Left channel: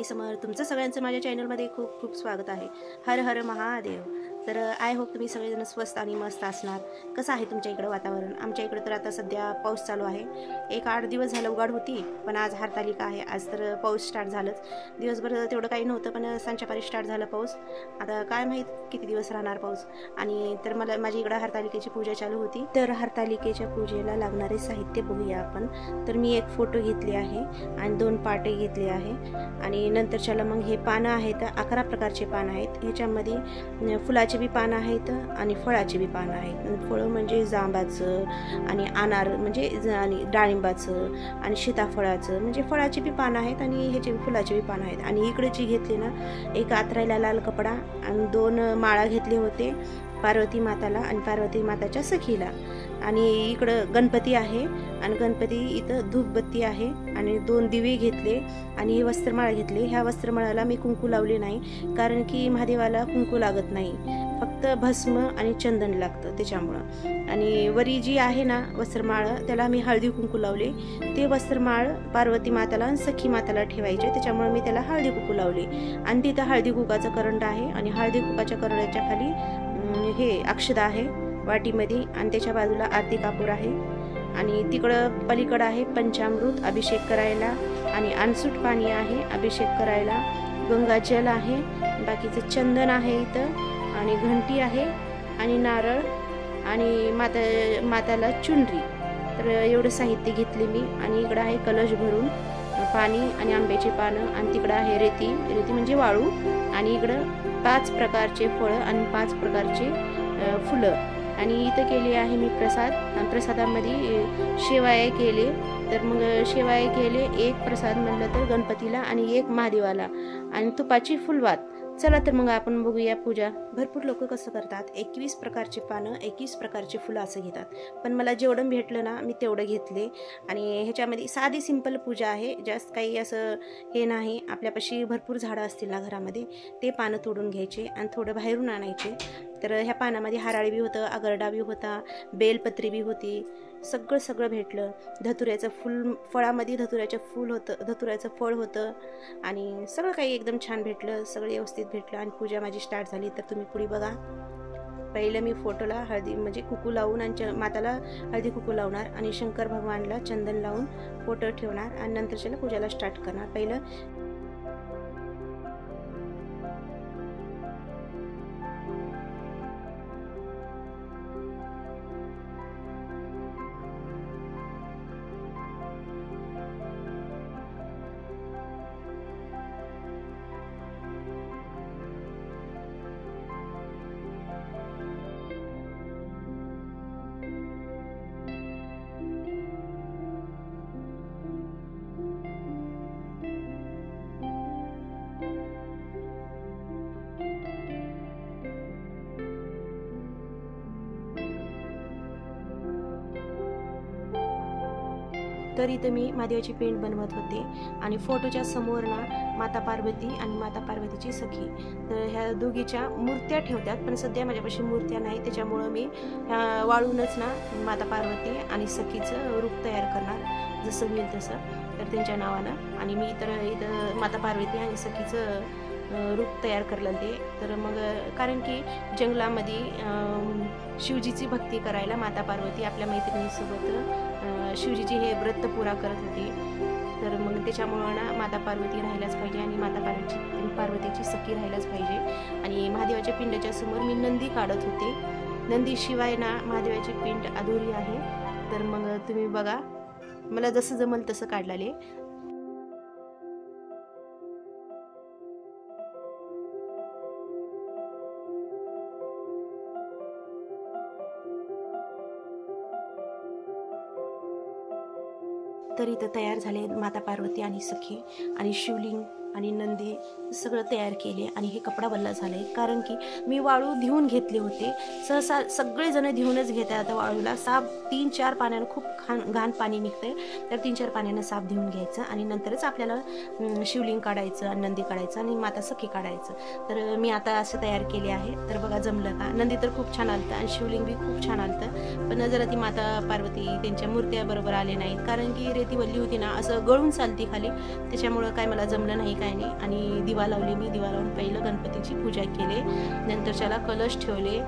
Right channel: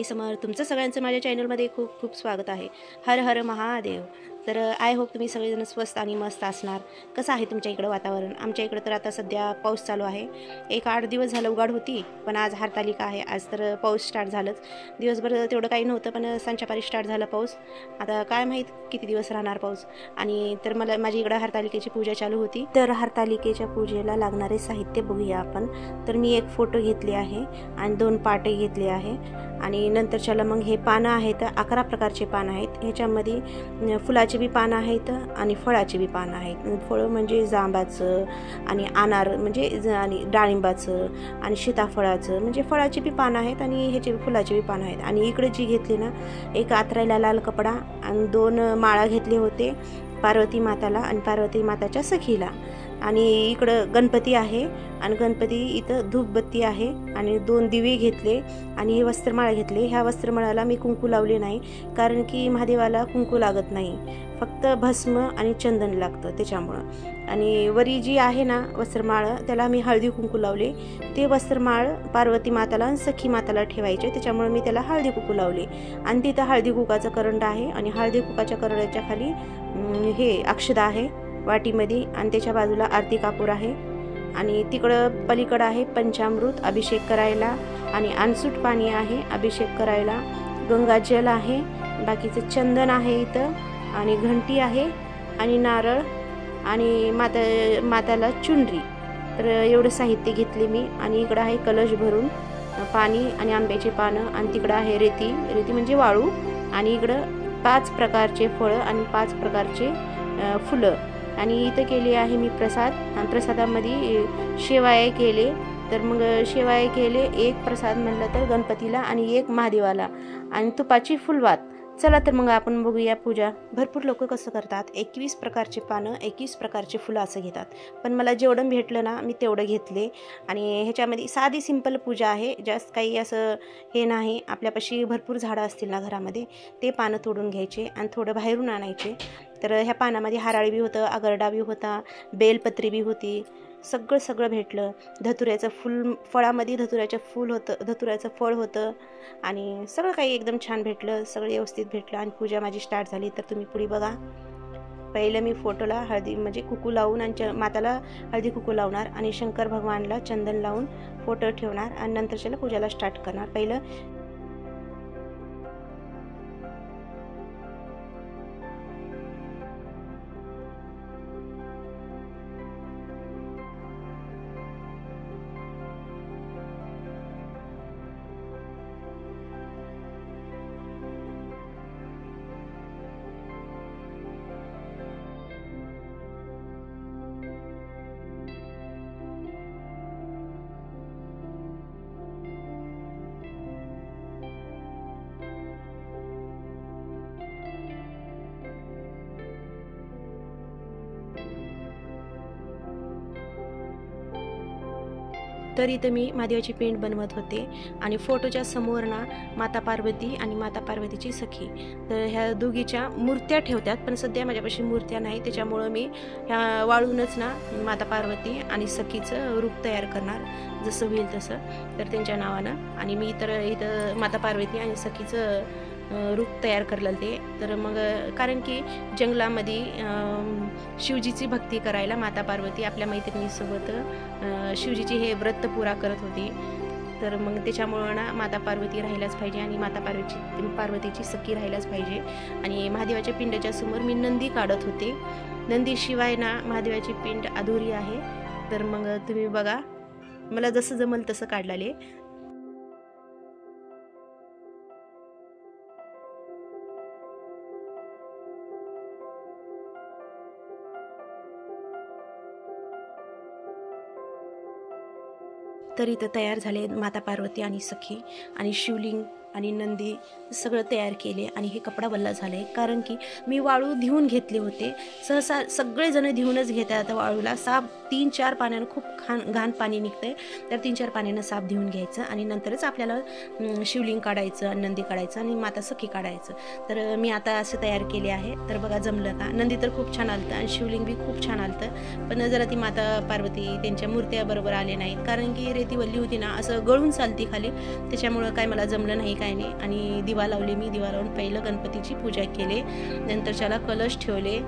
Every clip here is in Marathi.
स्वामी समर्थ. तुमचं सगळ्यांचं माझ्या चॅनलमध्ये खूप खूप स्वागत आहे. हर हर महादेव. तर आय होप तुम्ही सगळेजण स्वस्त आणि मस्त असणार. कसं आहे तुमच्या इकडं वातावरण? आमच्या इकडं तर आता सध्या पाऊस चालू आहे. 8 दिवस झालं उघाड होती, पण आज हरतालिका आहे. आज तर पाऊस स्टार्ट झालंच. दिवसभर तेवढं काही नव्हतं, पण संध्याकाळी स्टार्ट झाला पाऊस. आता काय माहीत किती दिवस राहणार पाऊस. आणि तर मला माझी इकडं हरतालिकेची पूजा चालू होती. तर हरतालिकेच्या पूजेला लागणारे साहित्य बघूया आपण. तर मी एक फोटो घेतली आहे आणि 2 पाटे घेतले आहे. आणि नंतरच्याला मग हे पानं आहेत, 11 प्रकारचे पानं आहेत. ह्याच्यामध्ये फुलाचे बी पानं आहेत आणि फळाचे बी पानं आहेत. फळं म्हणजे जांबाचं आणि अनार म्हणजे आणि डाळिंबाचं आणि सीताफळाचं म्हणजे फळाची बी पानं आहेत आणि ह्याचे फुलाचे बी पानं आहेत. आणि इकडे जी घेतली ना, एक आतरायला लाल कपडा आणि 2 माळा घेतले होते पार्वती माताला आणि पार्वती माताच्या सखीला. आणि इकडं गणपती आहे आणि गणपती इथं धूपबत्ती आहे आणि 2 दिवे घेतले आणि हे वस्त्रमाळ घेतले. ह्या वस्त्रमाळाला मी कुंकू लावले नाही, कारण की महादेवाला कुंकू लागत नाही, फक्त भस्म आणि चंदन लागतं त्याच्यामुळं. आणि वरी जी आहे ना वस्त्रमाळ, त्याला मी हळदी कुंकू लावले. ते वस्त्रमाळ पार्वती माताला आणि सखी माताला ठेवायचे, त्याच्यामुळे मी त्याला हळदी कुंकू लावले. आणि तिथं हळदी कुंकाचा करंट आहे आणि हळदी कुंकाच्या करंटाच्या खाली हे अक्षदा आहे वाटीमध्ये आणि त्याच्या बाजूला आरती कापूर आहे. आणि तिकडं पलीकडं आहे पंचामृत अभिषेक करायला आणि अनसूट पाणी आहे अभिषेक करायला. गंगाजल आहे, बाकीचं चंदन आहे इथं आणि घंटी आहे आणि नारळ आणि माताला चुनरी. तर एवढं साहित्य घेतले मी. आणि इकडं आहे कलश भरून पाणी आणि आंब्याची पानं आणि तिकडं आहे रेती म्हणजे वाळू. आणि इकडं 5 प्रकारचे फळं आणि 5 प्रकारचे फुलं. आणि इथं केले आहे मी प्रसाद. प्रसादामध्ये शेवाळे केले. तर मग शेवाळे केले, एक प्रसाद म्हणलं तर गणपतीला आणि एक महादेवाला आणि तुपाची फुलवात. चला तर मग आपण बघूया पूजा. भरपूर लोक कसं करतात, 21 प्रकारचे पानं 21 प्रकारचे फुलं असं घेतात. पण मला जेवढं भेटलं ना मी तेवढं घेतले. आणि ह्याच्यामध्ये साधी सिंपल पूजा आहे, जास्त काही असं हे नाही. आपल्यापाशी भरपूर झाडं असतील ना घरामध्ये, ते पानं तोडून घ्यायचे आणि थोडं बाहेरून आणायचे. तर ह्या पानामध्ये हराळी बी होतं, आगरडा बी होता, बेलपत्री बी होती, सगळं भेटलं. धतुऱ्याचं फूल, फळामध्ये धतुऱ्याचं फूल होतं, धतुऱ्याचं फळ होतं आणि सगळं काही एकदम छान भेटलं, सगळं व्यवस्थित भेटलं. आणि पूजा माझी स्टार्ट झाली. तर तुम्ही पुढे बघा. पहिलं मी फोटोला हळदी म्हणजे कुकू लावून आणि माताला हळदी कुकू लावणार आणि शंकर भगवानला चंदन लावून फोटो ठेवणार आणि नंतरच्याला पूजाला स्टार्ट करणार. पहिलं तर इथं मी महादेवाची पेंट बनवत होते आणि फोटोच्या समोर ना माता पार्वती आणि माता पार्वतीची सखी, तर ह्या दोघीच्या मूर्त्या ठेवतात. पण सध्या माझ्यापाशी मूर्त्या नाही, त्याच्यामुळं मी ह्या वाळूनच ना माता पार्वती आणि सखीचं रूप तयार करणार, जसं होईल तसं, तर त्यांच्या नावानं. आणि मी तर इथं माता पार्वती आणि सखीचं रूप तयार करलं ते. तर मग कारण की जंगलामध्ये शिवजीची भक्ती करायला माता पार्वती आपल्या मैत्रिणीसोबत शिवजीची हे व्रत पुरा करत होती. तर मग त्याच्यामुळं ना माता पार्वती राहायलाच पाहिजे आणि माता पार्वतीची सखी राहायलाच पाहिजे. आणि महादेवाच्या पिंडाच्या समोर मी नंदी काढत होते. नंदीशिवाय ना महादेवाची पिंड अधुरी आहे. तर मग तुम्ही बघा, मला जसं जमल तसं काढलेले. तर इथं तयार झाले माता पार्वती आणि सखी आणि शिवलिंग आणि नंदी सगळं तयार केले. आणि हे कपडा वल्ला झाला आहे, कारण की मी वाळू धुवून घेतले होते. सहसा सगळेजण धुवूनच घेतात आता वाळूला. साफ 3-4 पाण्यानं खूप घाण पाणी निघतंय, तर 3-4 पाण्यानं साफ धुवून घ्यायचं आणि नंतरच आपल्याला शिवलिंग काढायचं आणि नंदी काढायचं आणि माता सखी काढायचं. तर मी आता असं तयार केले आहे. तर बघा जमलं का. नंदी तर खूप छान आलतं आणि शिवलिंग बी खूप छान आलतं, पण जरा ती माता पार्वती त्यांच्या मूर्त्या बरोबर आले नाहीत, कारण की रेती वल्ली होती ना, असं गळून चालती खाली, त्याच्यामुळं काय मला जमलं नाही काय नाही. आणि दिवा लावले, मी दिवा लावून पहिलं गणपतीची पूजा केली, नंतर त्याला कलश ठेवले.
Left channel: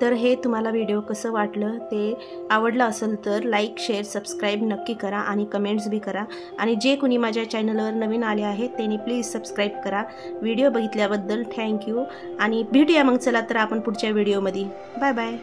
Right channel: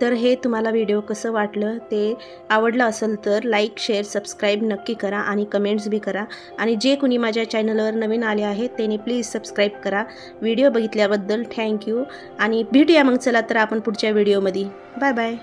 तर हे तुम्हाला व्हिडिओ कसं वाटलं, ते आवडलं असेल तर लाईक शेअर सबस्क्राईब नक्की करा आणि कमेंट्स बी करा. आणि जे कोणी माझ्या चॅनलवर नवीन आले आहेत त्यांनी प्लीज सबस्क्राईब करा. व्हिडिओ बघितल्याबद्दल थँक्यू आणि भेटूया मग. चला तर आपण पुढच्या व्हिडिओमध्ये. Bye bye.